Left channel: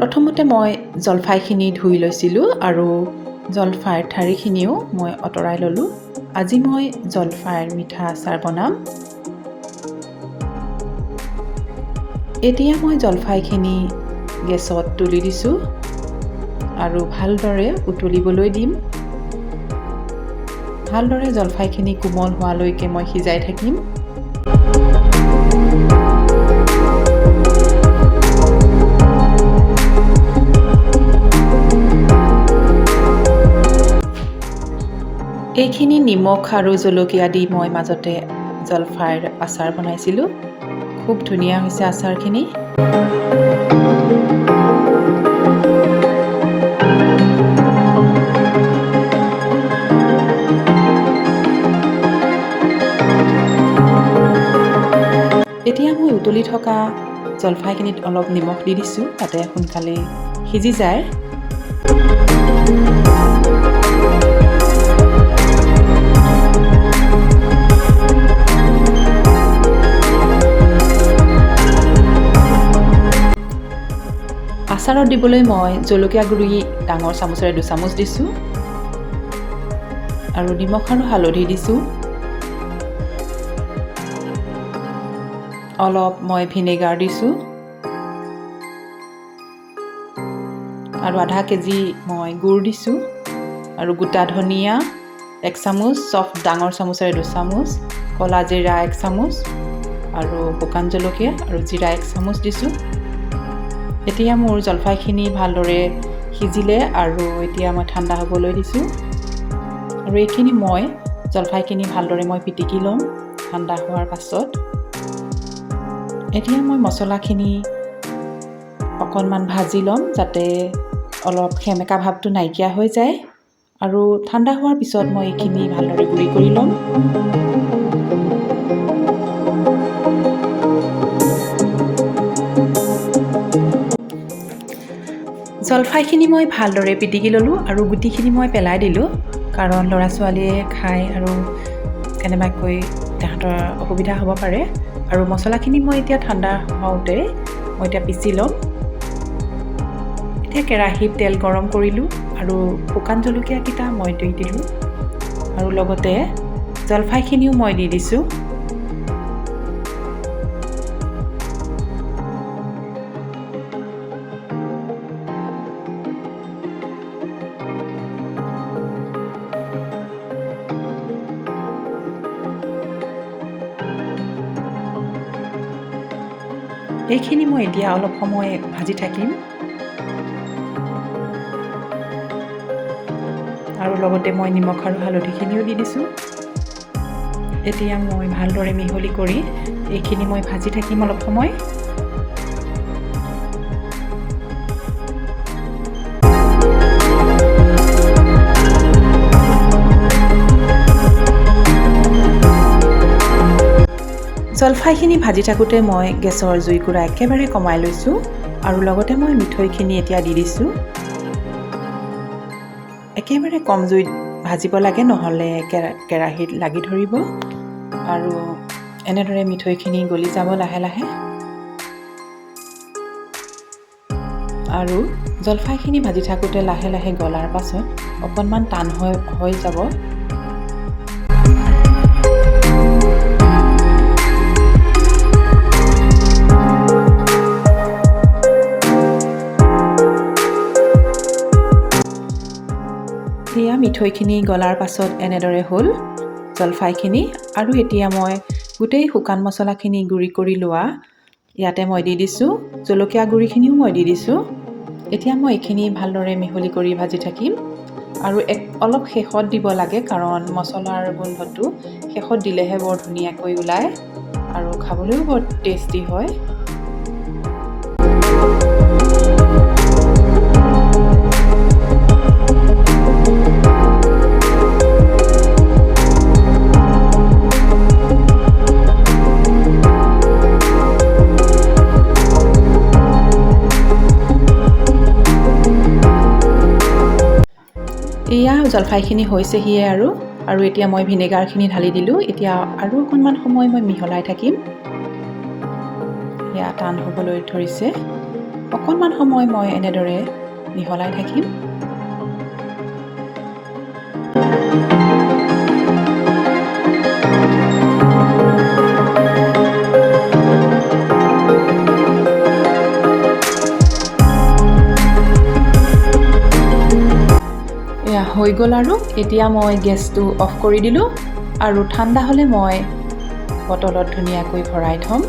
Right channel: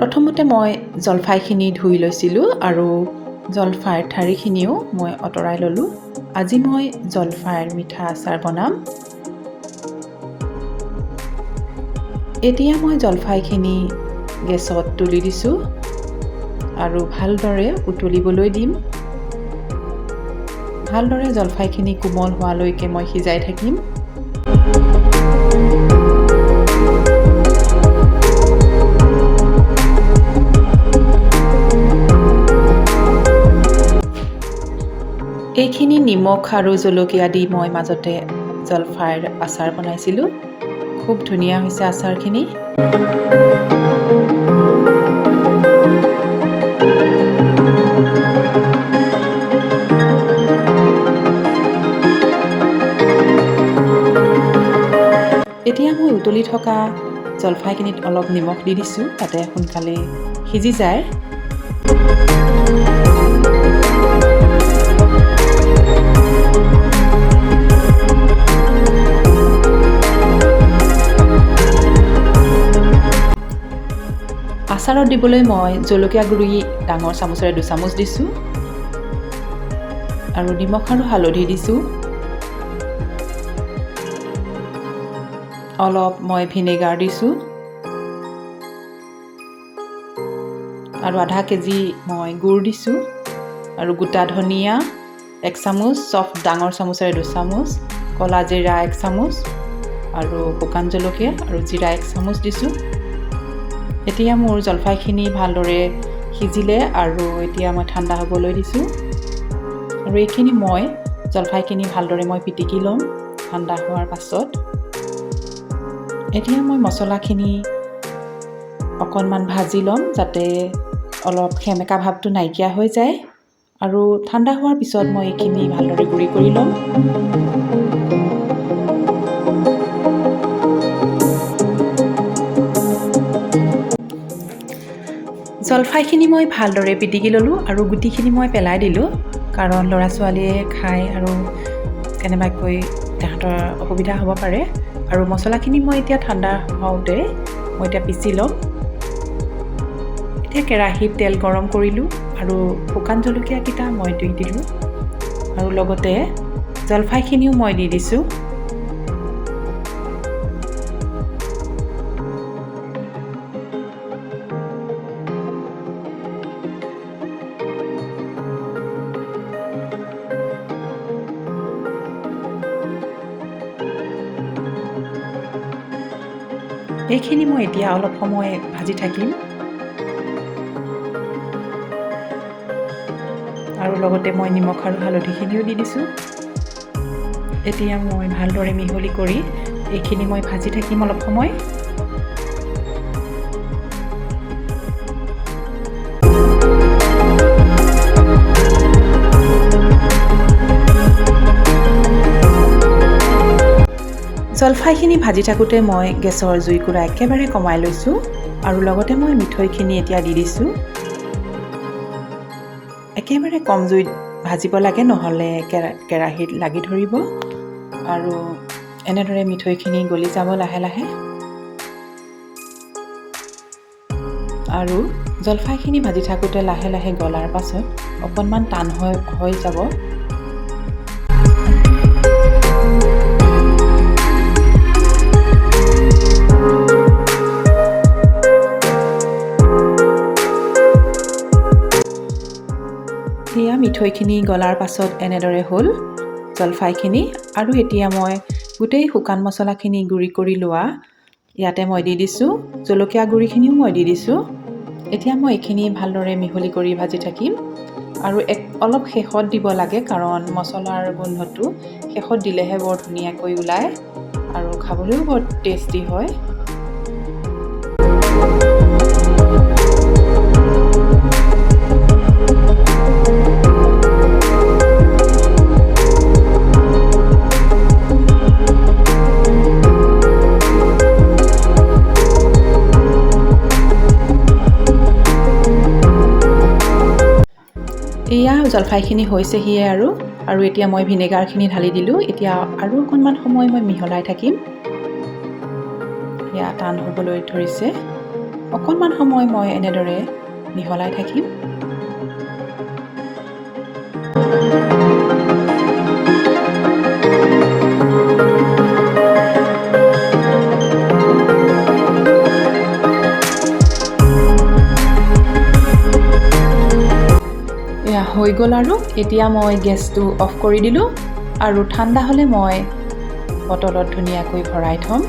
প্ৰথমতে মই জলফাইখিনি ধুই লৈছিলোঁ আৰু জলফাইৰ ঠাৰিখিনিও মই আঁতৰাই ল'লোঁ। আজি মই জলফাইৰ মিঠা আচাৰ বনাম। এতিয়া মই জলফাইখিনি গেছত তুলি দিছোঁ আৰু ভালদৰে উতলিবলৈ দিম। ভালদৰে জলফাইখিনি কোমল হোৱালৈকে মই সিজাই থাকিম। এইখিনি নিমখ আৰু জলকীয়া দি মই মাজতে জলফাইৰ আচাৰ বনাইছিলোঁ। খুব ধুনীয়া হৈছে আচাৰখিনি। এতিয়া মই উতলি থকা জলফাইখিনিত অলপ নিমখ দি দিছোঁ, তাতে সোনকালে সিজি যায়। আচাৰত দিবলৈ মই জলকীয়া গুড়ি ডাঙৰ চামুচেৰে 2 চামুচ দিছোঁ আৰু নিমখ আৰু হালধি দিছোঁ। অলপ মই ভিনেগাৰ দিছোঁ আৰু আধা কেজি মই গুড় দিছোঁ আৰু গোটা ধনিয়া 1 চামুচ, ডাঙৰ চামুচেৰে 2 চামুচ, ক'লা জিৰা 1 চামুচ আৰু শুকান জলকীয়া আৰু জিৰা 1 চামুচ দিছোঁ। এতিয়া মোৰ জলফাইখিনি ভালদৰে সিজিলে আৰু এতিয়া মই ঠাণ্ডা হ'বলৈ দিছোঁ আৰু এইখিনি মই জলফাইখিনি ভালদৰে মই পিটিকি ল'ম ঠাণ্ডা হোৱাৰ পাছত। এতিয়া মই মছলাখিনি অকণমান ভাজি ল'ম যাতে অলপ সেমেকা ভাৱটো নাইকিয়া হৈ যায় আৰু ঠাণ্ডা হোৱাৰ পিছত মই এইখিনি ভালদৰে গুড়ি কৰি ল'ম। জলফাইখিনি মই ভালদৰে পিটিকি ল'লোঁ আৰু গুটিখিনি মই পেলাই দিলোঁ, কাৰণ ল'ৰা ছোৱালীয়ে খায় আৰু কেনেবাকৈ তাহাঁতৰ অসুবিধা হ'ব পাৰে। আৰু মছলাখিনি মই এতিয়া ঠাণ্ডা হওঁতে মই এতিয়া পিচি ল'ম। এতিয়া কেৰাহীত তেল গৰম কৰিলোঁ আৰু শুকান জলকীয়াকেইটা মই দি দিলোঁ আৰু লগতে জলফাইখিনিও মই দি দিছোঁ। এইখিনি মই এতিয়া অলপ সময় ভাজি থাকিম আৰু লগতে মই নিমখ আৰু হালধিখিনিও দি দিছোঁ। এতিয়া মই ভালদৰে মিহলি কৰি এইখিনি মই ভাজি থাকিম অলপ সময়। জলফাইখিনি ভাজি থাকোঁতে মই গেছৰ জুইকুৰা একেবাৰে কমাই লৈছোঁ আৰু লগতে মই মিঠৈখিনি এতিয়া দি দিছোঁ। একেবাৰে কম জুইত ভাজিব লাগে, নহ'লে কেৰাহীত লাগি ধৰিব আৰু এনেদৰে মিঠৈখিনি গলি যাব লাহে লাহে। আৰু জলফাইখিনি ভাজি থাকোঁতে লাহে লাহে গলাৰ পাছত অকণমান টান হৈ যাব। এয়া মিঠৈখিনি গলাৰ পাছত এনেদৰে হ'ল জলফাইখিনি। আৰু এতিয়া মই গোটেই শুকান মছলাখিনি গুড়ি কৰি লোৱা ইয়াতে মই দি দিছোঁ, জলকীয়া গুড়িখিনিও মই দি দিছোঁ। এতিয়া মই এইখিনি ভালদৰে মিহলি কৰি ভাজি থাকিম আৰু অলপ শেষত দিব লাগে, কাৰণ মছলাৰ গোন্ধটো শেষত দিলেহে বৰ ধুনীয়াকৈ ওলায় আৰু খাবলৈও বৰ টেষ্টি হয়। এয়া জলফাইখিনি হৈছেহিয়ে আৰু এতিয়া মই ভিনেগাৰখিনি ঢালি দিলোঁ। এতিয়া আৰু অকণমান সময় মই মিহলাই থাকিম। এয়া টান হ'বলৈ ধৰিছে। অকণমান সময় মই এনেদৰে মিহলাই থাকিম। এয়া হৈ গ'ল আৰু এতিয়া মই গেছটো অফ কৰি দিলোঁ আৰু ঠাণ্ডা হ'লে মই বটলত ধুনীয়াকৈ ভৰাই থ'ম।